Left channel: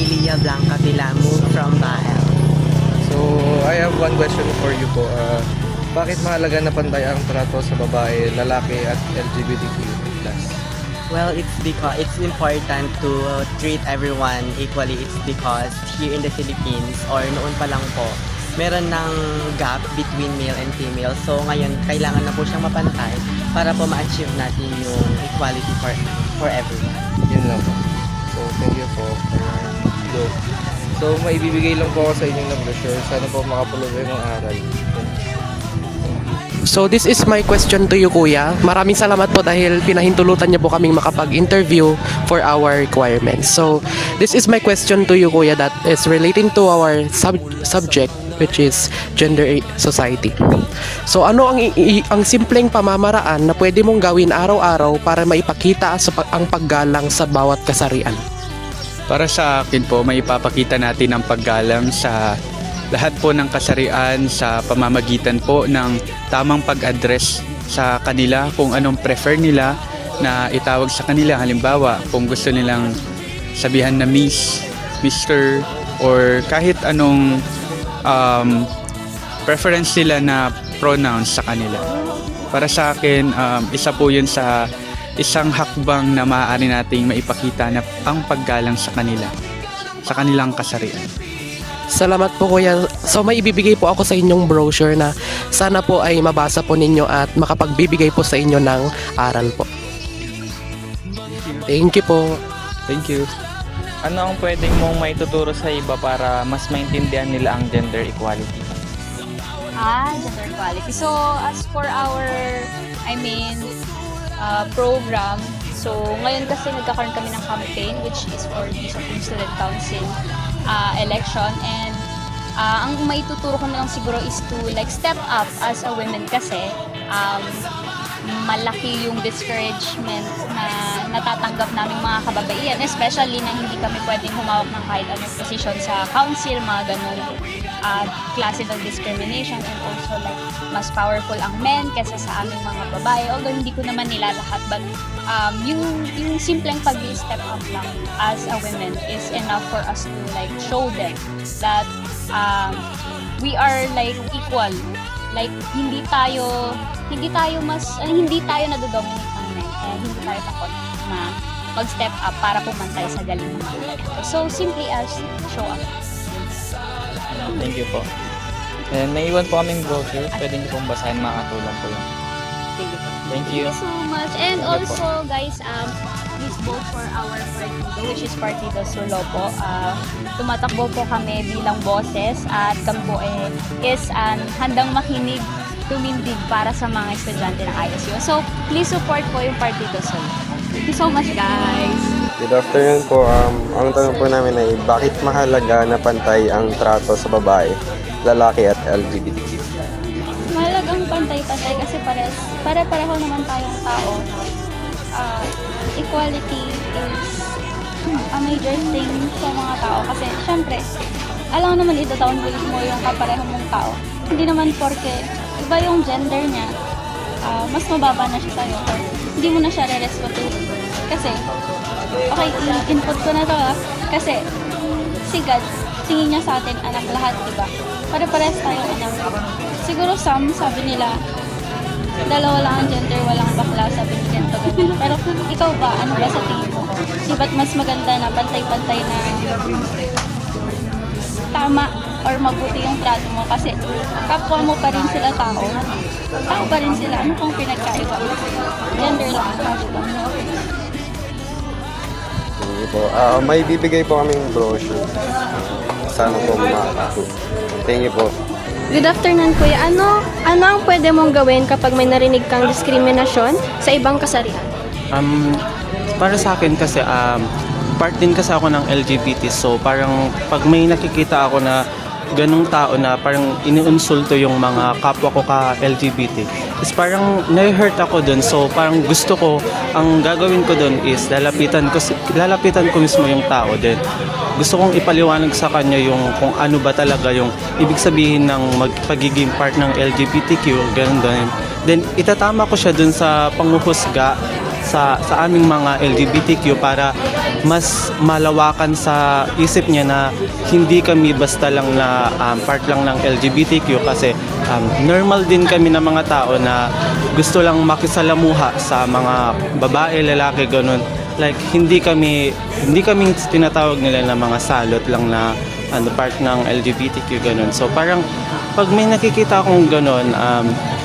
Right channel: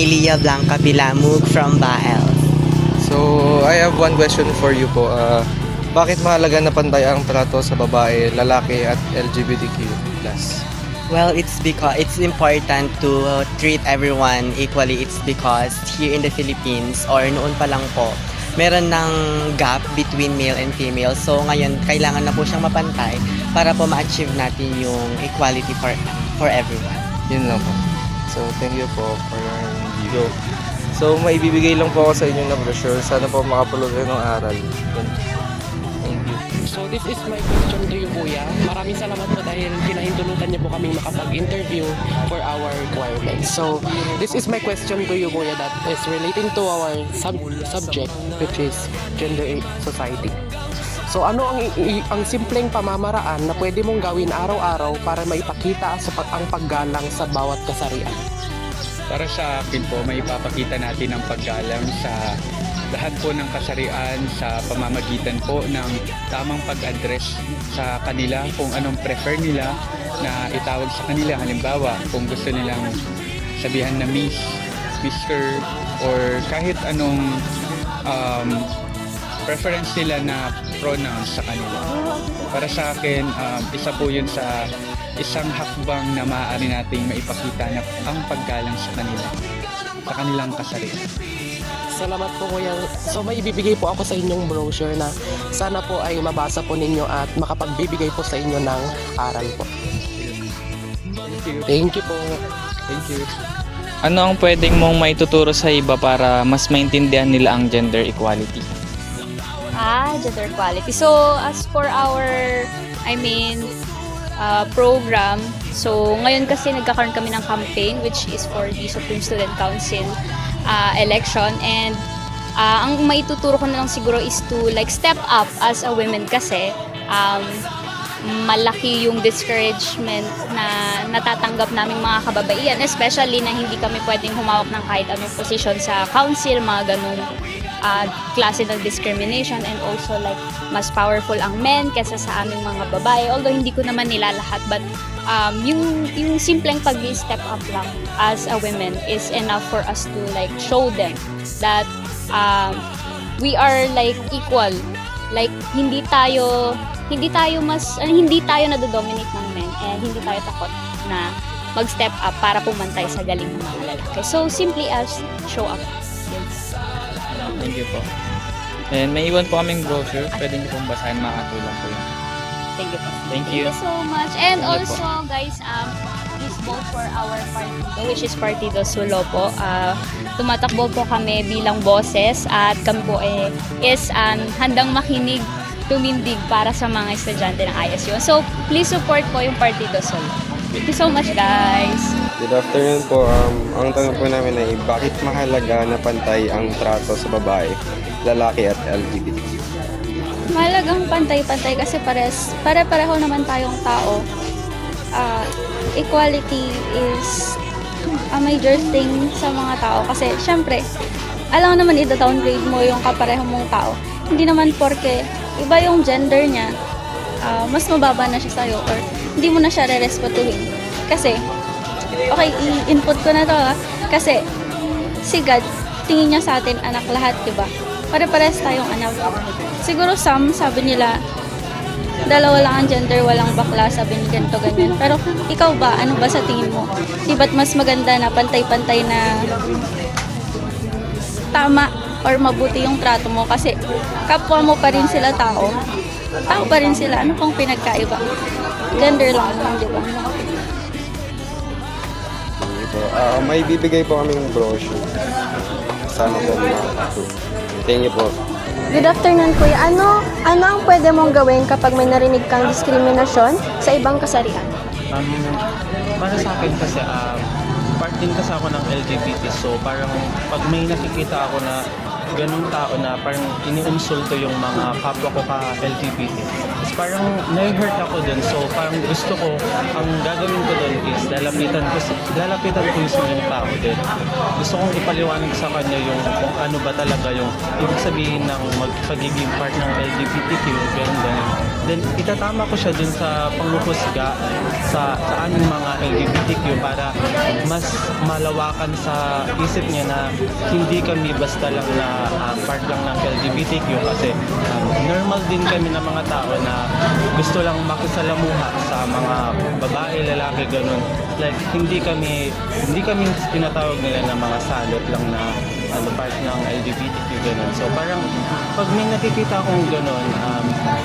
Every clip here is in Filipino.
Nelia Blanca Pilamug from Bael. So, I have one question for you po. Bakit mahalaga na pantay ang trato sa babae, lalaki at LGBTQ+? Well, it's because it's important to treat everyone equally. It's because here in the Philippines or noon pa lang po, meron ng gap between male and female. So ngayon, kailangan na po siyang mapantay para po ma-achieve natin yung equality for everyone. Yun lang po. So, thank you po for go. So, maibibigay lang po ako sa inyo ng brochure. Sana po makapulog kayo ng aral. So this is my question to you, Kuya. Maraming salamat po dahil pinahintulutan niyo po kaming makapag-interview for our requirements. So this is my question to you, Kuya, that is relating to our subject, which is gender society. So ano ang simpleng pamamaraan na pwede mong gawin araw-araw para maipakita ang paggalang sa bawat kasarian? Para sa akin po, may ipapakita natin ang paggalang sa lahat po ng kasarian sa pamamagitan po ng tamang pag-address sa kanila kung anong prefer nila na itawag sa kanila. Halimbawa, kung gusto nilang sabihan na Miss, Mr. or kahit anong preference nila na pronouns sa kanila. Para sa akin, isa po yun sa isang hakbang na maaari nating maipakita na ang paggalang sa kanila, sa kanilang kasarian. Salamat po, Kuya. So may ibibigay po ako sa inyong brochure na sana po ay mabasa po ninyo at makapagbibigay po sa inyo ng aral po. Thank you po. Thank you. Ano ang pwedeng mong maituturo sa iba para mas maintindihan nila ang gender equality? Gender equality. So, as for our, program, so ngayon kasi nagkakaroon kami ng campaign which is for the Supreme Student Council election, and ang maituturo ko na lang siguro is to like step up as a women kasi malaki yung discouragement na natatanggap naming mga kababaihan, especially na hindi kami pwedeng humawak ng kahit anong position sa council, mga ganun klase ng discrimination, and also like mas powerful ang men kaysa sa aming mga babae, although hindi ko naman nila lahat, but yung simpleng pag-step up lang as a women is enough for us to like show them that we are like equal, like hindi tayo nadodominate ng men, kaya hindi tayo takot na mag-step up para pumantay sa galing ng buhay. Okay, so simply as show up. Thank you po. And may iwan po kaming brochure. Pwede niyo pong basahin, makatulong po yun. Thank you. Thank you. So much. And Thank you po. also guys, please vote for our partido, which is Partido Sulo po. Tumatakbo po kami bilang boses at kami po is handang makinig, tumindig para sa mga estudyante ng ISU. So please support po yung Partido Sulo. Thank you so much, guys. Good afternoon po. Ang tanong po namin ay bakit mahalaga na pantay ang trato sa babae, lalaki at LGBT? Mahalagang pantay-pantay kasi pare-pareho naman tayong tao. Equality is a major thing sa mga tao kasi syempre, alam naman ida-downgrade mo yung kapareho mong tao. Hindi naman porke iba yung gender niya, mas mababa na siya sa'yo or hindi mo na siya re-respetuhin. Kasi, okay, input ko na to kasi si God, tingin niya sa atin anak lahat, diba? Pare-pares tayong anak. Siguro sabi nila, dalawa lang ang gender, walang bakla, sabi ni ganito, ganyan. Pero ikaw ba, ano ba sa tingin mo? Di ba't mas maganda na pantay-pantay na tama or mabuti yung trato mo? Kasi kapwa mo pa rin sila tao. Tao pa rin sila. Ano pong pinagkaiba? Gender lang. Hindi po. May bibigay po kaming brochure. Sana po makakatulong. Thank you po. Good afternoon, Kuya. Ano ang pwede mong gawin kapag may narinig kang diskriminasyon sa ibang kasarian? Para sa akin kasi part din kasi ako ng LGBT, so parang pag may nakikita ako na ganung tao na parang iniinsulto yung mga kapwa ko ka LGBT, is parang na-hurt ako dun. So parang gusto ko, ang gagawin ko dun is lalapitan ko mismo yung tao din. Gusto kong ipaliwanag sa kanya yung kung ano ba talaga yung ibig sabihin ng pagiging part ng LGBTQ, ganun. Then itatama ko siya dun sa panghuhusga sa aming mga LGBTQ para mas malawakan sa isip niya na hindi kami basta lang na part lang ng LGBTQ kasi normal din kami na mga tao na gusto lang makisalamuha sa mga babae, lalaki, ganun. Like hindi kami tinatawag nila na mga salot lang na part ng LGBTQ ganun. So parang pag may nakikita akong ganun,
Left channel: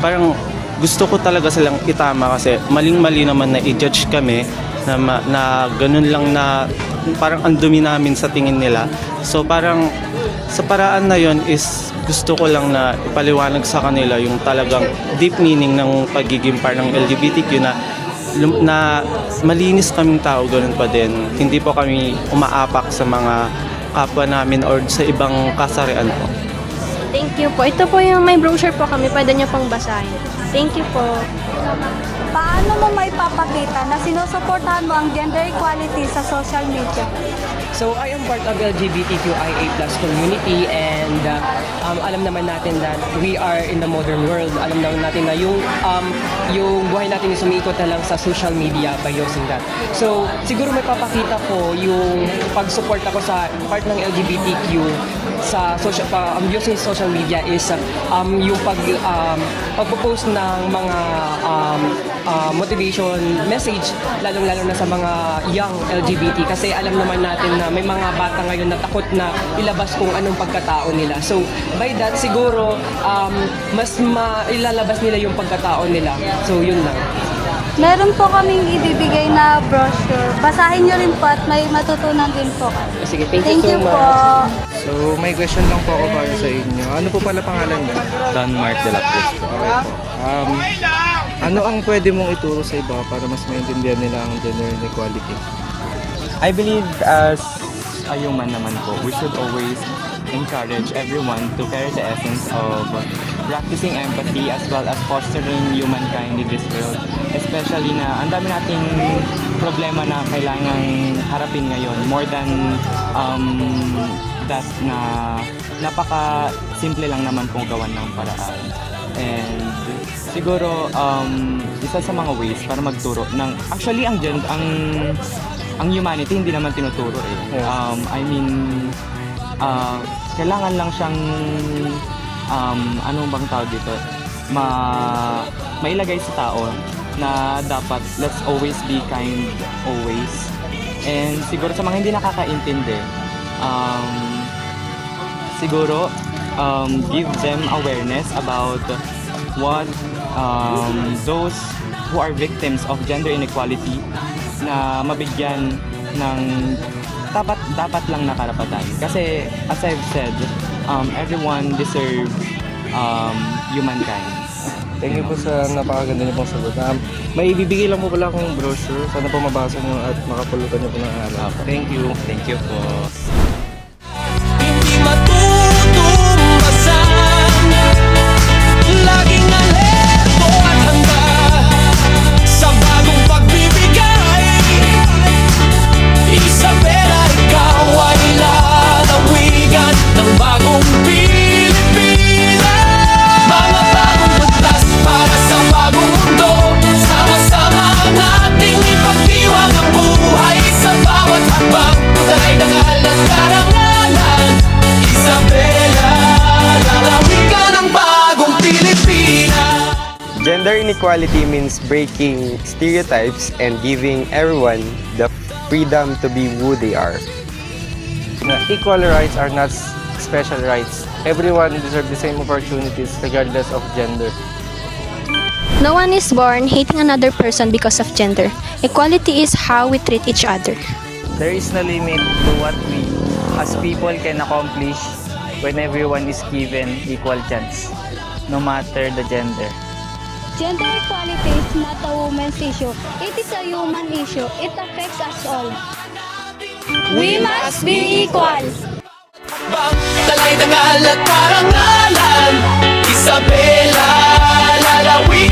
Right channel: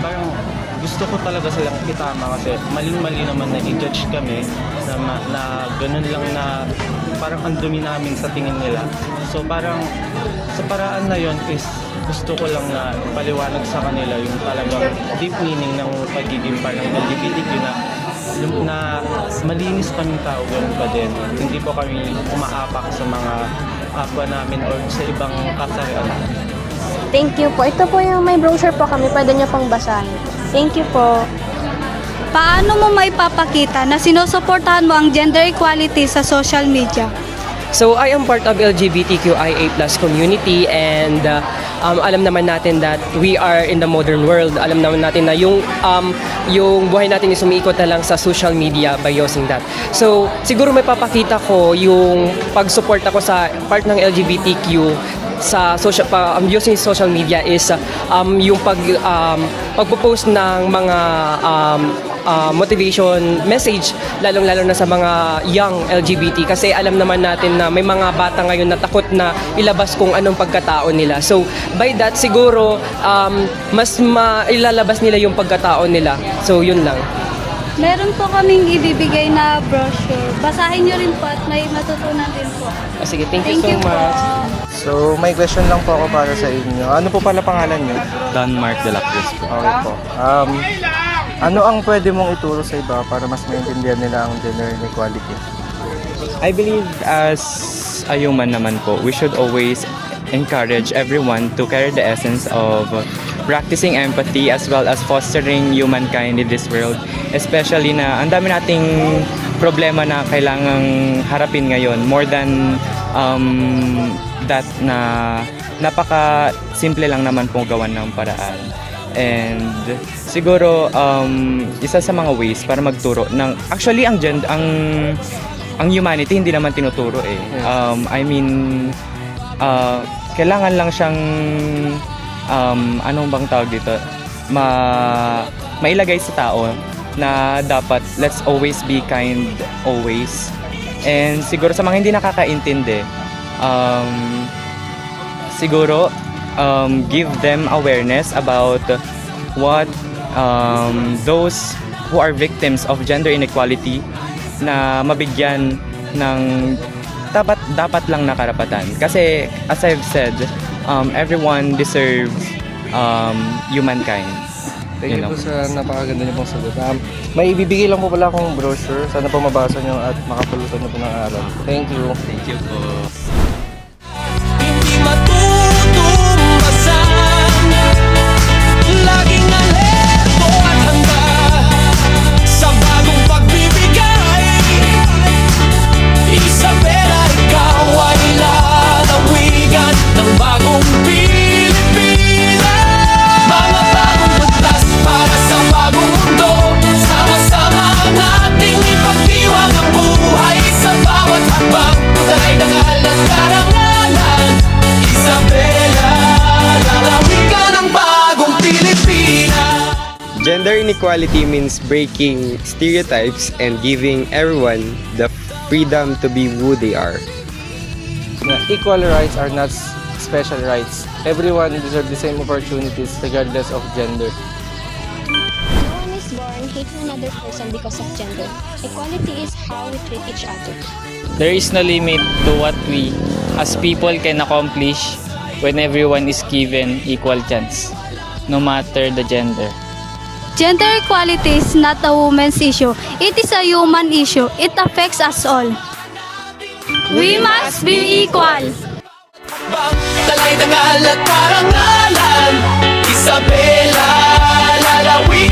parang gusto ko talaga silang itama kasi mali naman na i-judge kami na ganun lang na parang ang dumi namin sa tingin nila. So parang sa paraan na yon is gusto ko lang na ipaliwanag sa kanila yung talagang deep meaning ng pagiging parang LGBTQ na malinis kaming tao, ganun pa din. Hindi po kami umaapak sa mga kapwa namin or sa ibang kasarian. Thank you po. Ito po yung may brochure po kami. Pwede nyo pong basahin. Thank you po. Paano mo maipapakita na sinusuportahan mo ang gender equality sa social media? So I am part of LGBTQIA+ community and alam naman natin that we are in the modern world. Alam naman natin na yung buhay natin is umiikot na lang sa social media by using that. So siguro may papakita ko yung pag-support ako sa part ng LGBTQ sa social using social media is yung pagpo-post ng mga motivation message lalong-lalo na sa mga young LGBT kasi alam naman natin na may mga bata ngayon na takot na ilabas kung anong pagkatao nila. So by that siguro mas mailalabas nila yung pagkatao nila. So yun lang. Meron po kaming ibibigay na brochure. Basahin nyo rin po at may matutunan din po. Sige, thank Thank you you so po. much. So may question lang po ako para sa inyo. Ano po pala pangalan niyo? Don Mark de la Cruz po. Okay po. Ano ang pwede mong ituro sa iba para mas maintindihan nila ang gender inequality? I believe as a human naman po, we should always encourage everyone to carry the essence of practicing empathy as well as fostering humankind in this world. Especially na ang dami nating problema na kailangang harapin ngayon. More than that na napaka-simple lang naman pong gawan ng paraan. And siguro isa sa mga ways para magturo ng actually ang humanity hindi naman tinuturo eh. I mean kailangan lang siyang anong bang tawag dito mailagay sa tao na dapat let's always be kind always. And siguro sa mga hindi nakakaintindi siguro give them awareness about what those who are victims of gender inequality na mabigyan ng dapat lang na karapatan. Kasi as I've said, everyone deserves humankind. Thank you po sa napakaganda niyo pong sagot. May ibibigay lang po pala akong brochure. Sana po mabasa niyo at makapulutan niyo po ng aral. Thank you. Thank you po. Hindi matutumbasan, laging alerto at handa sa bagong pagbibigay. Isabela, ikaw ay lalawigan ng bagong Pilipinas. Mga bagong bagtas para sa bagong mundo. Sama-sama nating ipagdiwang ang buhay sa bawat hakbang. Dalay-dangal at karangalan. Isabela, lalawigan ng bagong Pilipinas. Gender inequality means breaking stereotypes and giving everyone the freedom to be who they are. Equal rights are not special rights. Everyone deserves the same opportunities regardless of gender. No one is born hating another person because of gender. Equality is how we treat each other. There is no limit to what we as people can accomplish when everyone is given equal chance, no matter the gender. Gender equality is not a woman's issue. It is a human issue. It affects us all. We must be equal. Dalay-dangal at karangalan. Isabela, lalawigan